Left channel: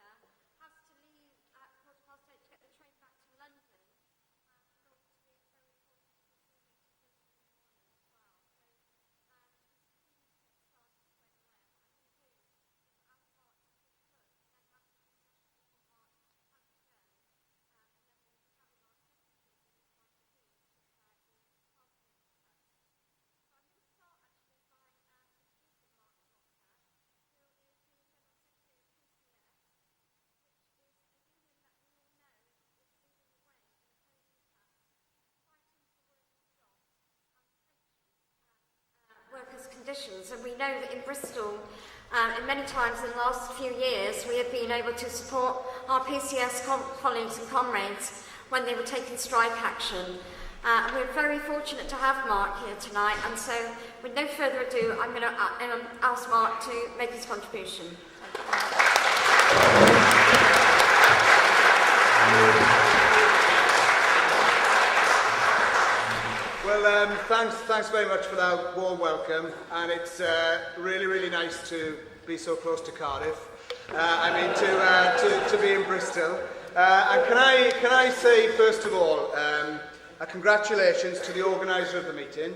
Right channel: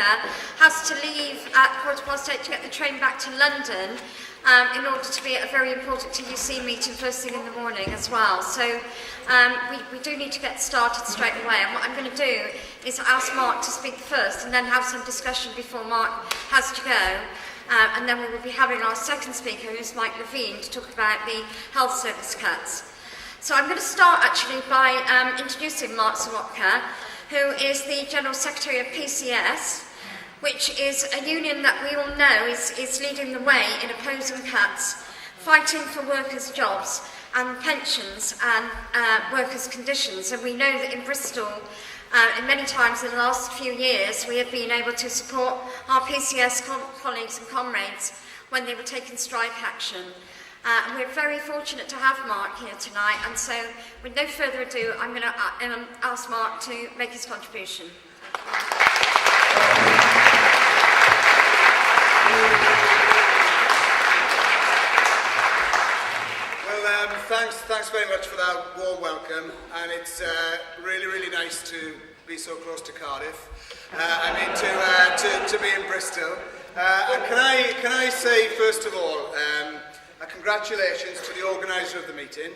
Serwotka has to leave at 8:15 to get the train back to London in order to be at a very important TUC meeting first thing in the morning as well. So we do need to get started straight away, and what I'm going to do is ask Mark to speak first and then have some discussion before Mark has to go. And then we will be having our second speaker, who is Mike Levine, to talk about the health service cuts. So I'm going to start actually by introducing Mark Serwotka, who is the General Secretary of PCS, which is a union that we all know is leading the way in opposing cuts, fighting for workers' jobs and pensions and workers' conditions. And we know that in Bristol, and many times in the last few years, we have been able to support our PCS colleagues and comrades when they were taking strike action. And we're very fortunate to have Mark here tonight, and so with no further ado, I'm going to ask Mark to make his contribution. Well, thanks very much for that warm welcome, and it's really nice to be so close to Cardiff. To be in Bristol. And can I say first of all, congratulations to the organiser of the meeting.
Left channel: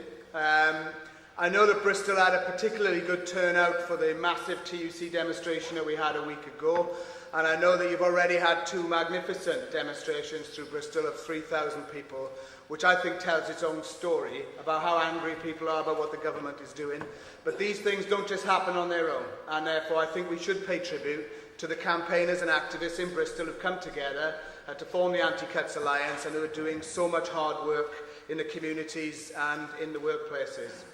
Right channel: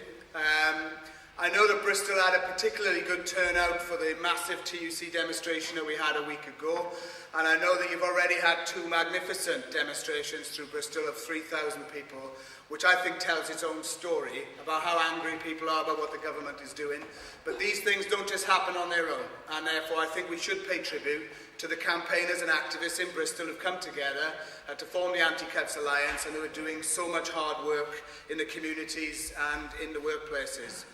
I know that Bristol had a particularly good turnout for the massive TUC demonstration that we had a week ago, and I know that you've already had two magnificent demonstrations through Bristol of 3,000 people, which I think tells its own story about how angry people are about what the government is doing. But these things don't just happen on their own, and therefore I think we should pay tribute to the campaigners and activists in Bristol who've come together to form the Anti-Cuts Alliance and who are doing so much hard work in the communities and in the workplaces.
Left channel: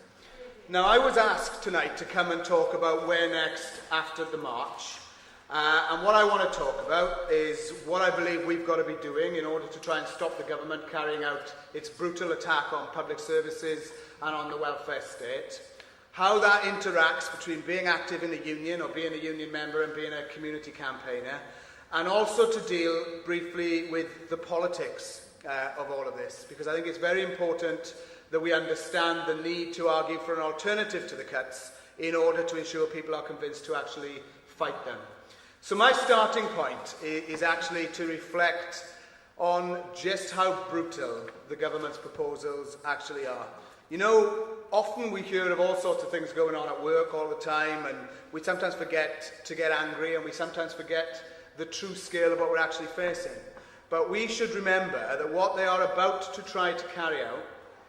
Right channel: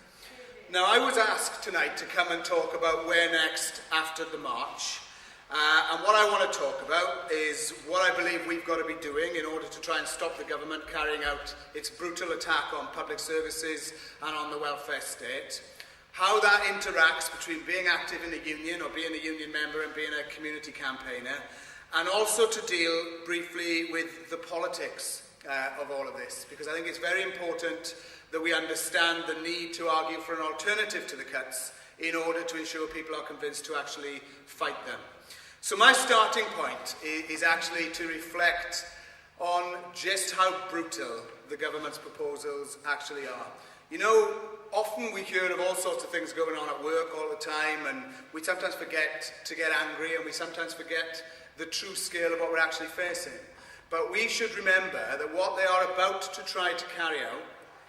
Now, I was asked tonight to come and talk about where next after the march. And what I want to talk about is what I believe we've got to be doing in order to try and stop the government carrying out its brutal attack on public services and on the welfare state. How that interacts between being active in the union or being a union member and being a community campaigner. And also to deal briefly with the politics of all of this, because I think it's very important that we understand the need to argue for an alternative to the cuts in order to ensure people are convinced to actually fight them. So my starting point is actually to reflect on just how brutal the government's proposals actually are. You know, often we hear of all sorts of things going on at work all the time, and we sometimes forget to get angry, and we sometimes forget the true scale of what we're actually facing. But we should remember that what they are about to try to carry out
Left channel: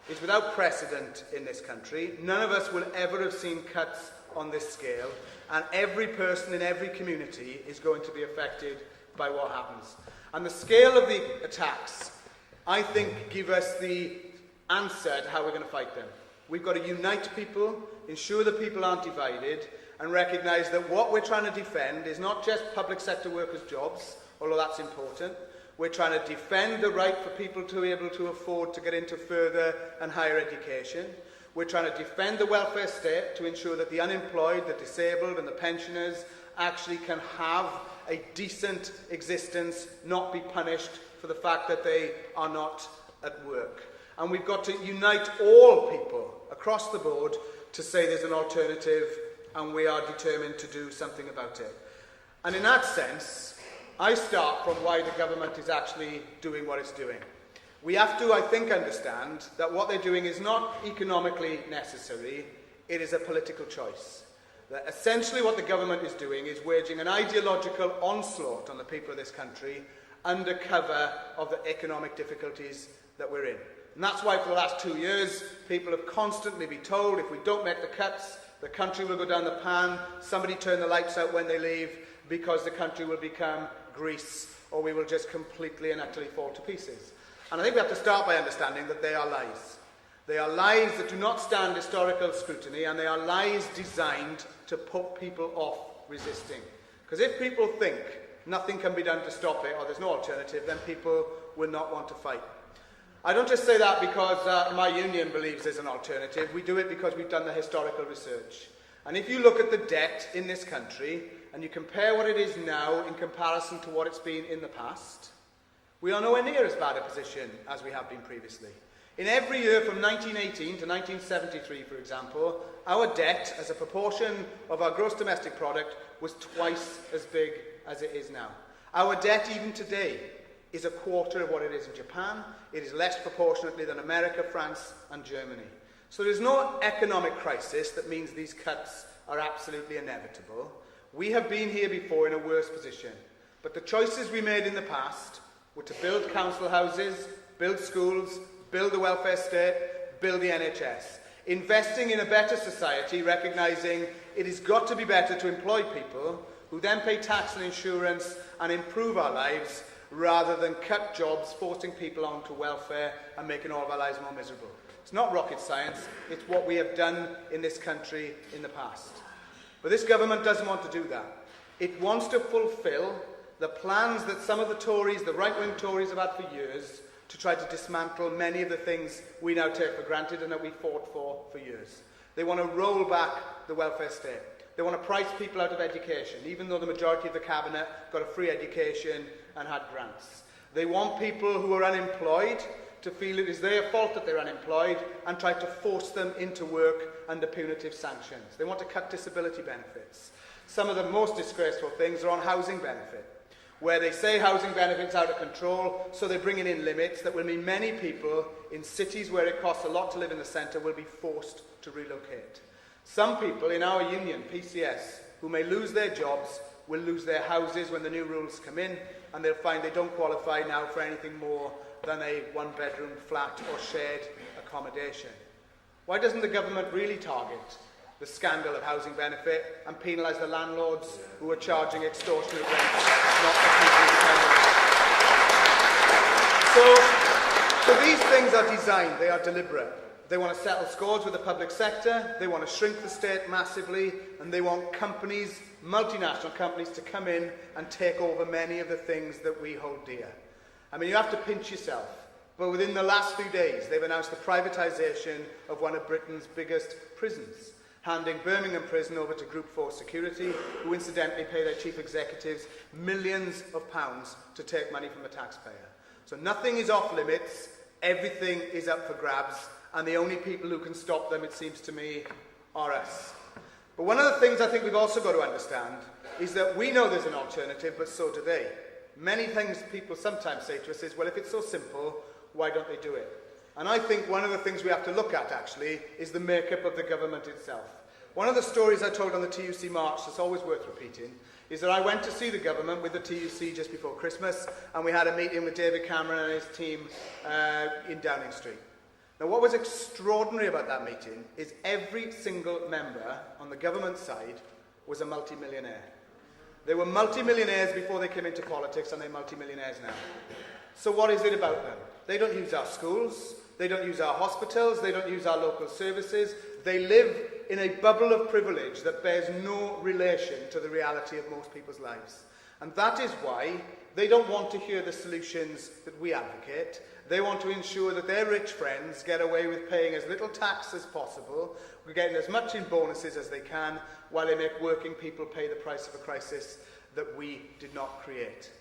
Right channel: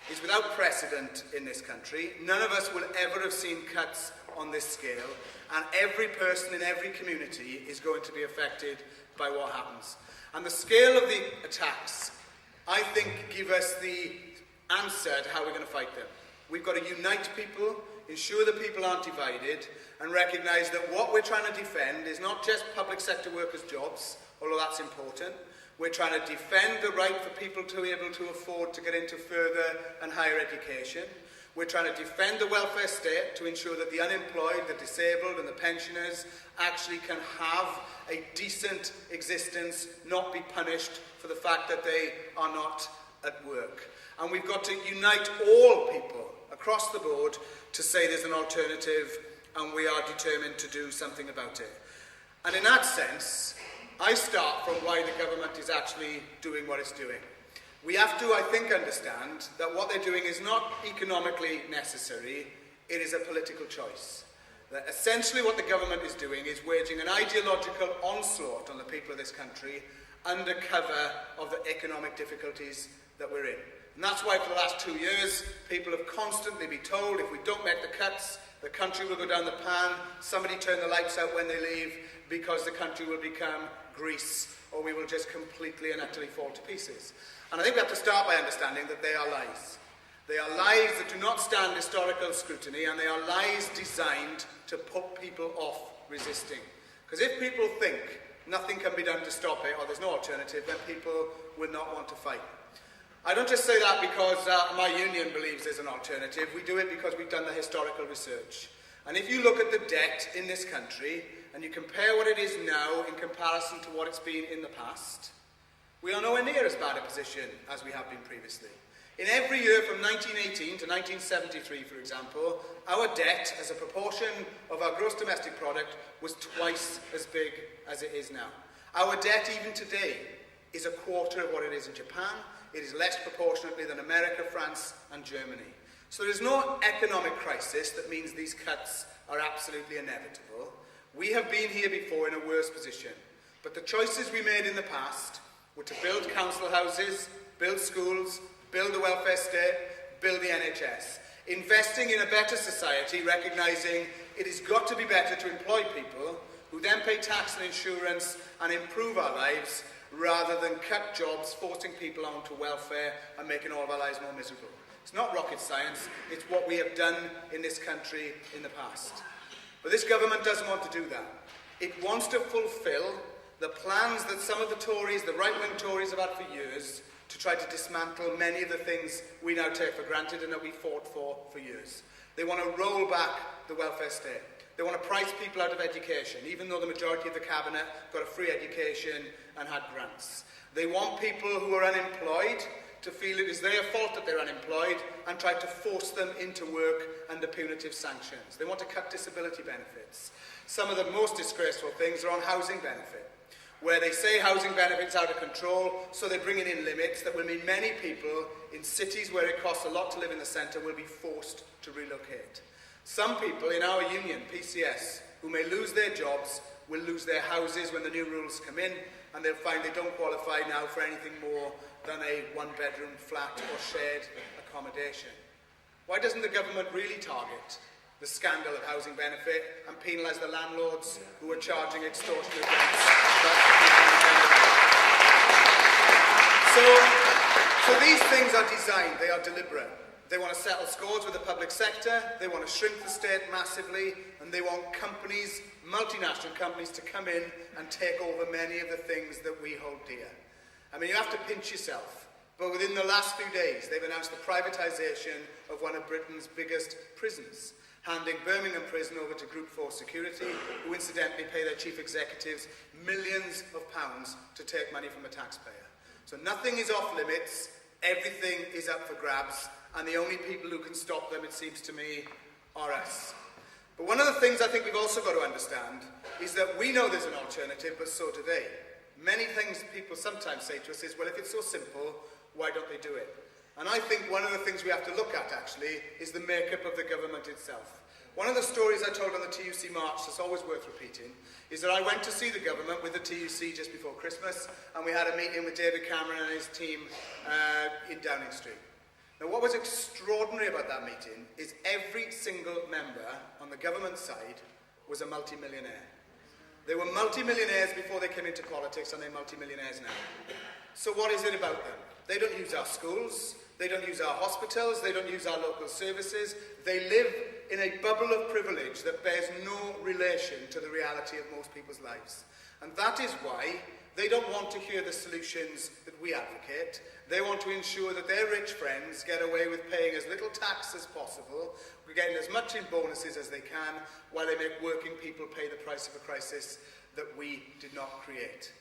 is without precedent in this country. None of us will ever have seen cuts on this scale, and every person in every community is going to be affected by what happens. And the scale of the attacks, I think, give us the answer to how we're going to fight them. We've got to unite people, ensure that people aren't divided, and recognise that what we're trying to defend is not just public sector workers' jobs, although that's important. We're trying to defend the right for people to be able to afford to get into further and higher education. We're trying to defend the welfare state to ensure that the unemployed, the disabled and the pensioners actually can have a decent existence, not be punished for the fact that they are not at work. And we've got to unite all people across the board to say there's an alternative, and we are determined to do something about it. And in that sense, I start from why the government is actually doing what it's doing. We have to, I think, understand that what they're doing is not economically necessary, it is a political choice. That essentially what the government is doing is waging an ideological onslaught on the people of this country under cover of the economic difficulties that we're in. And that's why for the last 2 years, people have constantly been told if we don't make the cuts, the country will go down the pan, somebody turn the lights out when they leave, because the country will become Greece, or we will just completely and utterly fall to pieces. And I think we have to start by understanding that they are lies. They are lies that do not stand historical scrutiny, and they are lies designed to put people off resisting. Because if people think nothing can be done to stop it, or there's no alternative, then people will not want to fight. I don't just say that because my union believes there's an alternative. We do it because we've done the historical research. And if you look at the debt in this country, and you compare what it is now in comparison to what it's been in the past, we are nowhere near as bad a position as we have been previously. In every year from 1918 to 1973, for example, our debt as a proportion of our gross domestic product was twice as big as it is now. Our debt, even today, is a quarter of what it is in Japan. It is less proportionately than America, France, and Germany. So there's no economic crisis that means these cuts are absolutely inevitable. We have been here before in a worse position. But the choices we made in the past were to build council houses, build schools, build the welfare state, build the NHS. Investing in a better society, recognising it has got to be better to employ people who then pay tax and insurance and improve our lives, rather than cut jobs, forcing people onto welfare and making all of our lives more miserable. It's not rocket science, it's what we have done in this country in the past. But this government doesn't want to do that. It wants to fulfil the plans that some of the Tories, the right-wing Tories, have had for years to try to dismantle many of the things we now take for granted and that we fought for years. They want to roll back the welfare state. They want to price people out of education, even though the majority of the cabinet got a free education and had grants. They want people who are unemployed to feel it is their fault that they're unemployed and try to force them into work under punitive sanctions. They want to cut disability benefits. Some of the most disgraceful things are on housing benefit, where they say housing benefits out of control, so they're bringing in limits that will mean many people in cities where it costs a lot to live in the centre will be forced to relocate. Some people in our union, PCS, who may lose their jobs, will lose their houses when the new rules come in, and they'll find they don't qualify now for anything more than a one-bedroom flat or shared accommodation. Why doesn't the government really target the scandal of housing benefit and penalise the landlords who are charging extortionate rents? So these things are designed, they are deliberate. They want to settle scores with the public sector, they want to shrink the state massively, and they want companies, multinational companies, to come in and take over many of the things that we hold dear. I mean, you have to pinch yourself, but within the last few days, they've announced the privatisation of one of Britain's biggest prisons, handing Birmingham Prison over to Group 4 Security, who incidentally pay their chief executives millions of pounds to take money from the taxpayer. So nothing is off limits, everything is up for grabs, and the only people who can stop them, it seems to me, are us. But one of the things I think we've also got to understand is that we know there's an alternative, but so do they. Many things people sometimes say to us is, well, if it's so simple, why don't they do it? And I think one of the things we have to look at, actually, is the makeup of the government itself. One of the stories I told on the TUC March that's always worth repeating is that I went to see the government with the TUC just before Christmas, and we had a meeting with David Cameron and his team in Downing Street. Now, what was extraordinary about that meeting is every single member on the government side was a multi-millionaire. They were multi-millionaires before they came into politics, and they're multi-millionaires now. So what is it about them? They don't use our schools, they don't use our hospitals, they don't use our local services. They live in a bubble of privilege that bears no relation to the reality of most people's lives. And that is why they don't want to hear the solutions that we advocate. They want to ensure that their rich friends get away with paying as little tax as possible, getting as much in bonuses as they can, while they make working people pay the price of a crisis that we did not create.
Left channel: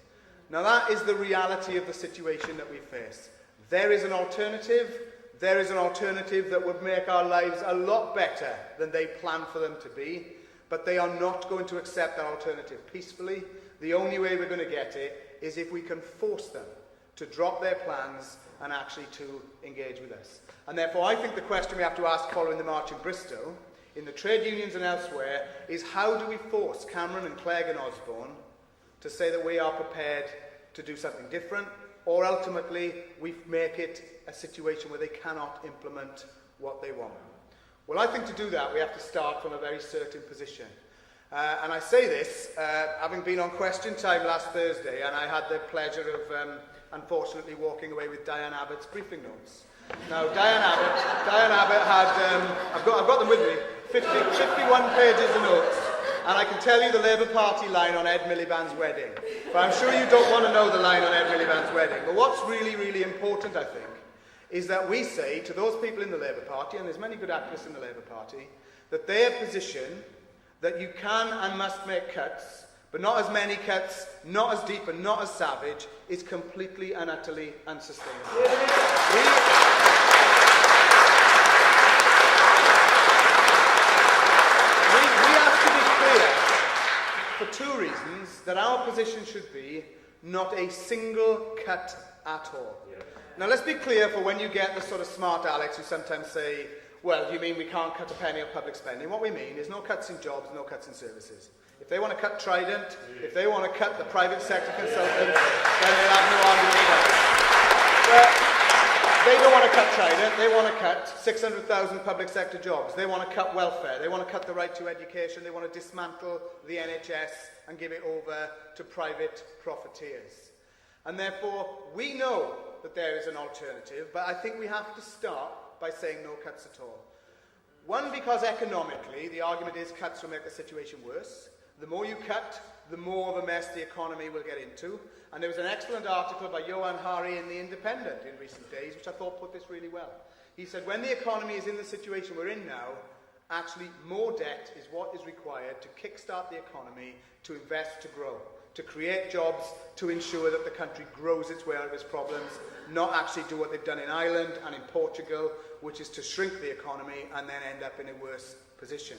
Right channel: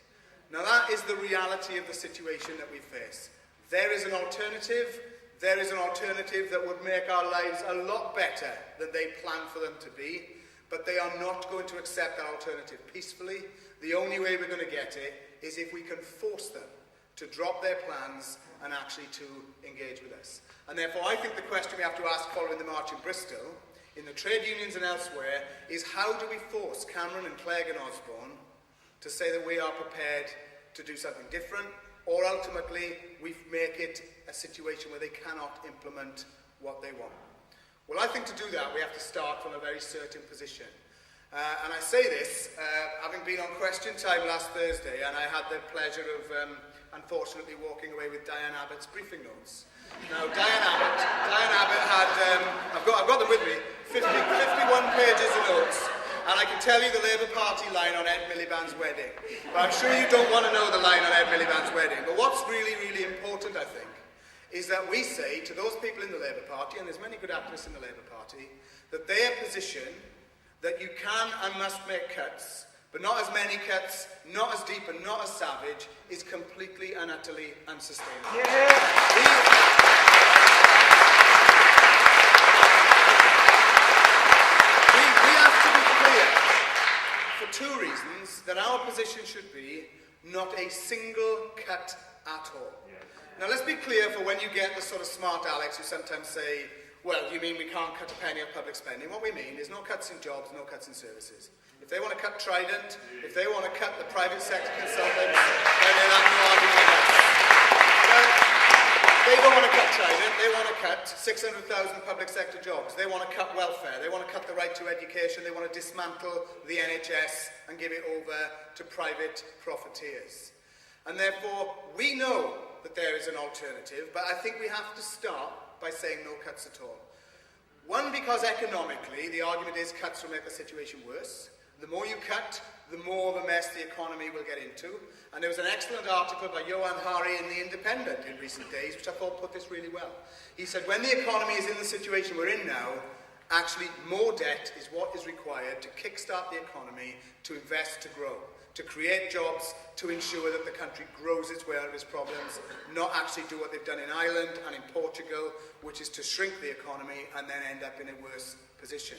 Now that is the reality of the situation that we face. There is an alternative. There is an alternative that would make our lives a lot better than they planned for them to be, but they are not going to accept that alternative peacefully. The only way we're going to get it is if we can force them to drop their plans and actually to engage with us. And therefore I think the question we have to ask following the march in Bristol, in the trade unions and elsewhere, is how do we force Cameron and Clegg and Osborne to say that we are prepared to do something different, or ultimately we make it a situation where they cannot implement what they want. Well, I think to do that we have to start from a very certain position. And I say this, having been on Question Time last Thursday, and I had the pleasure of, unfortunately, walking away with Diane Abbott's briefing notes. Now, Diane Abbott had, I've got them with me, 51 pages of notes, and I can tell you the Labour Party line on Ed Miliband's wedding. But I'm sure you don't want to know the line on Ed Miliband's wedding. But what's really, really important, I think, is that we say to those people in the Labour Party, and there's many good activists in the Labour Party, that their position that you can and must make cuts, but not as many cuts, not as deep and not as savage, is completely and utterly unsustainable. We have to be clear, for two reasons, that our position should be not a single cut at all. Now let's be clear, for when you get the sort of smart Alex who sometimes say, well, you mean we can't cut a penny of public spending? What we mean is no cuts in jobs, no cuts in services. If they want to cut Trident, if they want to cut the private sector consultants, then they'll have no argument with us. They don't want to cut Trident, they want to cut 600,000 public sector jobs. They want to cut welfare, they want to cut the right to education, they want to dismantle the NHS and give it over to private profiteers. And therefore, we know that there is an alternative, but I think we have to start by saying no cuts at all. One, because economically, the argument is cuts will make the situation worse. The more you cut, the more of a mess the economy will get into. And there was an excellent article by Johan Hari in The Independent in recent days, which I thought put this really well. He said, when the economy is in the situation we're in now, actually more debt is what is required to kickstart the economy, to invest, to grow, to create jobs, to ensure that the country grows its way out of its problems, not actually do what they've done in Ireland and in Portugal, which is to shrink the economy and then end up in a worse position.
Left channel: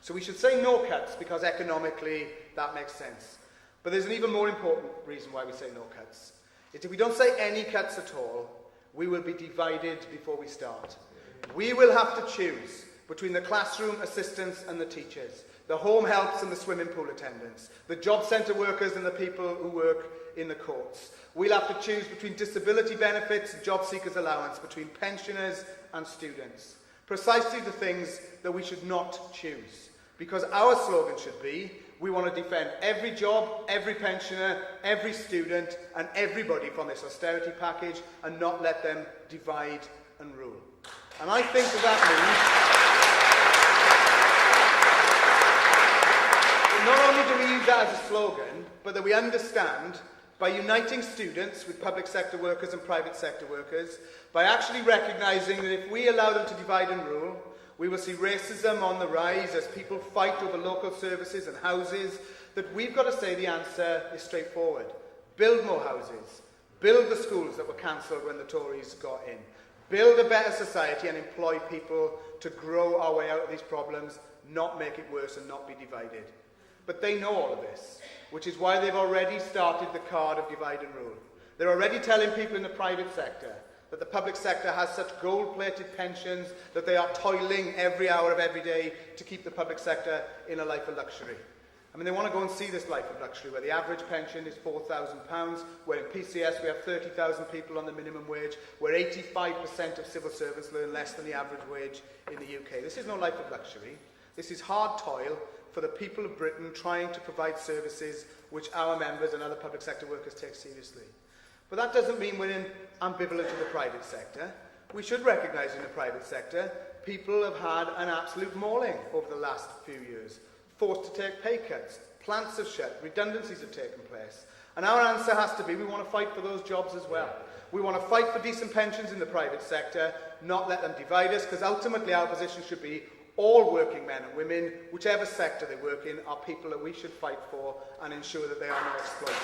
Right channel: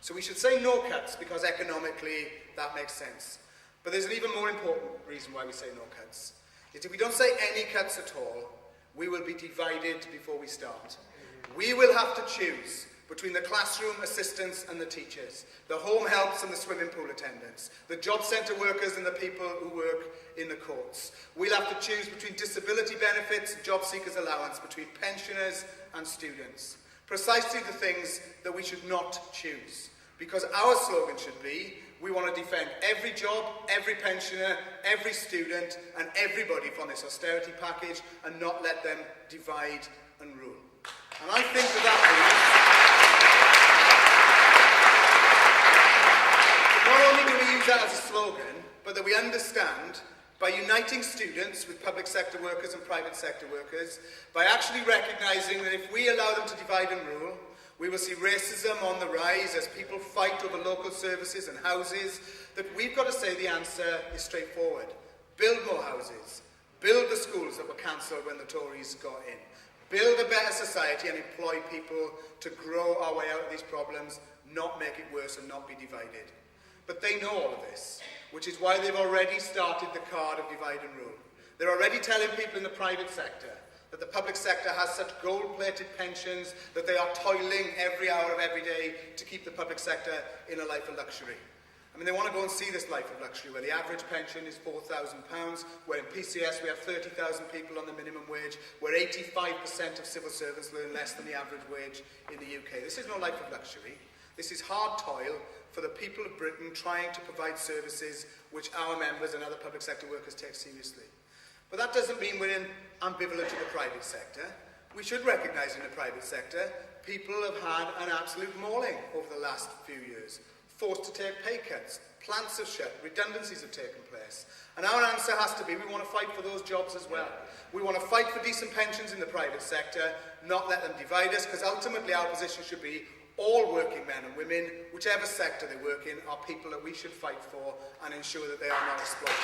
So we should say no cuts, because economically that makes sense. But there's an even more important reason why we say no cuts. It's if we don't say any cuts at all, we will be divided before we start. We will have to choose between the classroom assistants and the teachers, the home helps and the swimming pool attendants, the job centre workers and the people who work in the courts. We'll have to choose between disability benefits and job seekers allowance, between pensioners and students. Precisely the things that we should not choose. Because our slogan should be, we want to defend every job, every pensioner, every student and everybody from this austerity package, and not let them divide and rule. And I think that means not only do we use that as a slogan, but that we understand, by uniting students with public sector workers and private sector workers, by actually recognising that if we allow them to divide and rule, we will see racism on the rise as people fight over local services and houses, that we've got to say the answer is straightforward. Build more houses. Build the schools that were cancelled when the Tories got in. Build a better society and employ people to grow our way out of these problems, not make it worse and not be divided. But they know all of this, which is why they've already started the card of divide and rule. They're already telling people in the private sector that the public sector has such gold-plated pensions that they are toiling every hour of every day to keep the public sector in a life of luxury. I mean, they want to go and see this life of luxury, where the average pension is £4,000, where in PCS we have 30,000 people on the minimum wage, where 85% of civil servants earn less than the average wage in the UK. This is no life of luxury. This is hard toil for the people of Britain trying to provide services which our members and other public sector workers take seriously. But that doesn't mean we're ambivalent to the private sector. We should recognise in the private sector people have had an absolute mauling over the last few years. Forced to take pay cuts, plants have shut, redundancies have taken place. And our answer has to be, we want to fight for those jobs as well. We want to fight for decent pensions in the private sector, not let them divide us, because ultimately our position should be all working men and women, whichever sector they work in, are people that we should fight for and ensure that they are not exploited.